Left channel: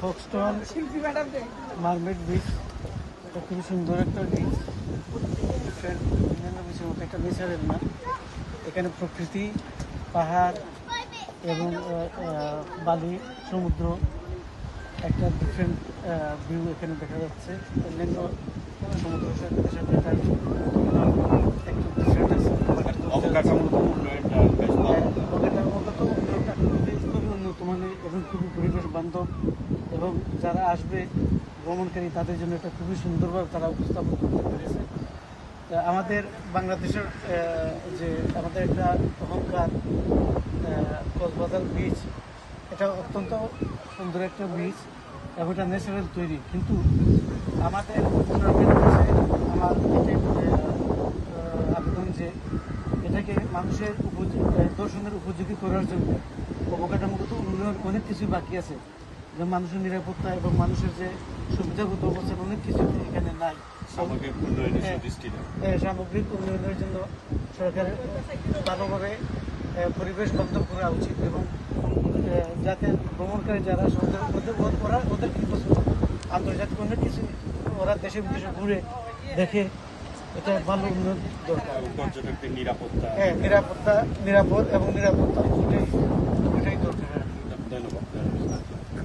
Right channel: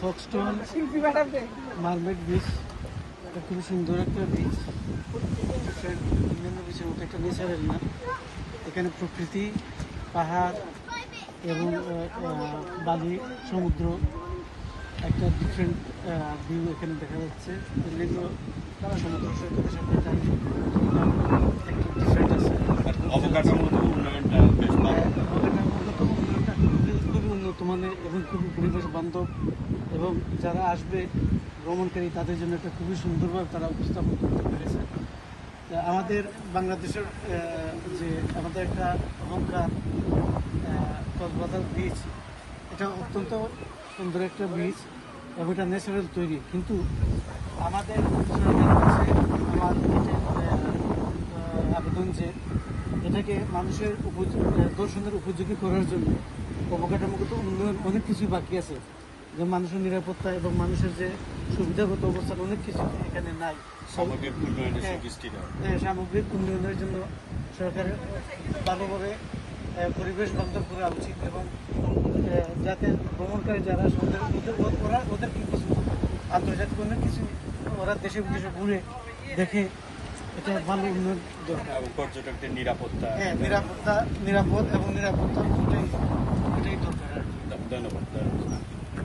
ফক্সটন mermaid beach, খুবই সুন্দর একটা বিচ, অন্যান্য বিচের মতো একটা ন্যাচারাল না। এখানে প্রকৃতি, পাহাড় এবং বালি, সমুদ্র, একটা ডিফারেন্ট ভিউ এখানে দেখা যাচ্ছে। অন্যান্য সমুদ্র সৈকতের সাথে তার একটা ডিফারেন্ট আছে। অবকাঠামোগত উন্নয়নটা বেশ ভালো। অবকাঠামোগত উন্নয়নটা খুবই উন্নত মানের এবং খুবই পরিবেশ বান্ধব, এবং যারা আসবে ভ্রমণকারী তাদের জন্য এটা খুবই সুন্দরভাবে তারা উপস্থাপন করতে পেরেছে। আমাদের বাংলাদেশের যে আমাদের একটা কক্সবাজার বিচ, এটা অত্যন্ত সুন্দর একটা বিচ এবং এটা ন্যাচারাল তৈরি, কিন্তু আমাদের আমার আবেদন যে এটাকে মানুষের দর্শনের উপযোগী করার জন্য অবকাঠামোগত উন্নয়ন অনেক কিছুই বাকি আছে, যে মানুষের নিরাপত্তা এবং মানুষের যে সুবিধাগত অবস্থান অনেক কিছু এখানে নাই। সামগ্রিক উন্নয়নের দৃষ্টি দেওয়া, সামগ্রিক উন্নয়নের জন্য সরকারের ভালোভাবে পরিবেশ বান্ধব করা উচিত, এবং যাতে ভ্রমণকারী যারা সমুদ্রের মধ্যে ওদের কি পছন্দ, আন্তর্জাতিক অনেক কিছু ওরা দেশে বিদেশে ঘুরে দেখে, এটা ভালো উন্নয়ন দরকার। পর্যটকদের নিরাপত্তা, নিরাপদ এবং নিরাপত্তা দুটাই দরকার। ধন্যবাদ।